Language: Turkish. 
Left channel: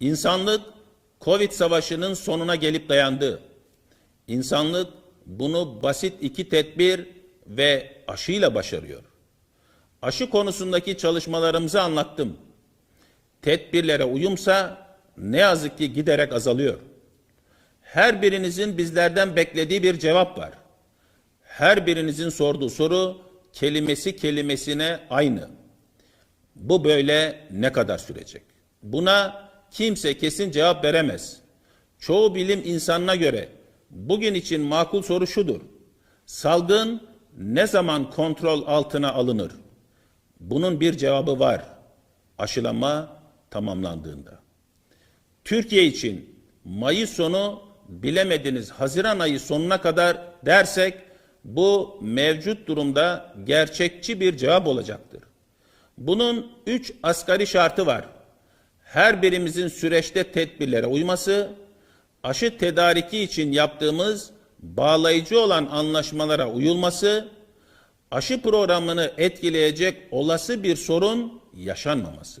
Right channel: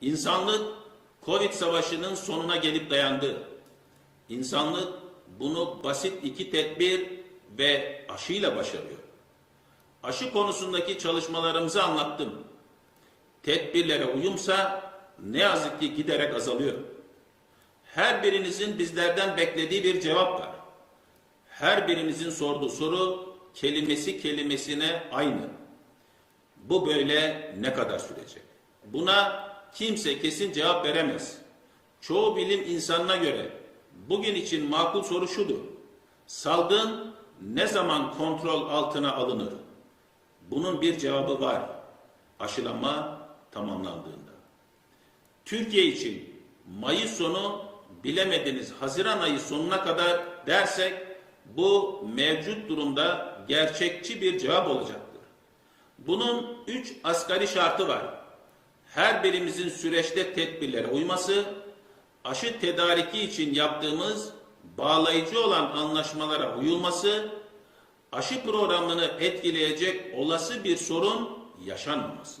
İnsanlık Covid savaşının sonuna gelip dayandı. İnsanlık bunu basit iki tedbir ve aşıyla başarıyor. Aşı konusundaki çalışmalarımızı anlattım. Tedbirlere uyumsa ne yazık ki giderek azalıyor. Her birinizin bizlerden beklediği bir cevap var. Her birinizin sorduğu soru kelimesi kelimesine aynı. Bu böyle ne kadar sürecek? Buna kimse kesin cevap veremez. Çoğu bilim insanına göre bugün için makul soru şudur. Salgın ne zaman kontrol altına alınır? Bunun bir cevabı var. Aşılama tamamlandığında. Türkiye için Mayıs sonu bilemediniz Haziran ayı sonuna kadar dersek bu mevcut durumda gerçekçi bir cevap olacaktır. Bunun üç asgari şartı var. Her birimizin süreçte tedbirlere uyması, aşı tedariki için yaptığımız bağlayıcı olan anlaşmalara uyulması, aşı programını etkileyecek olası bir sorun yaşanmaması.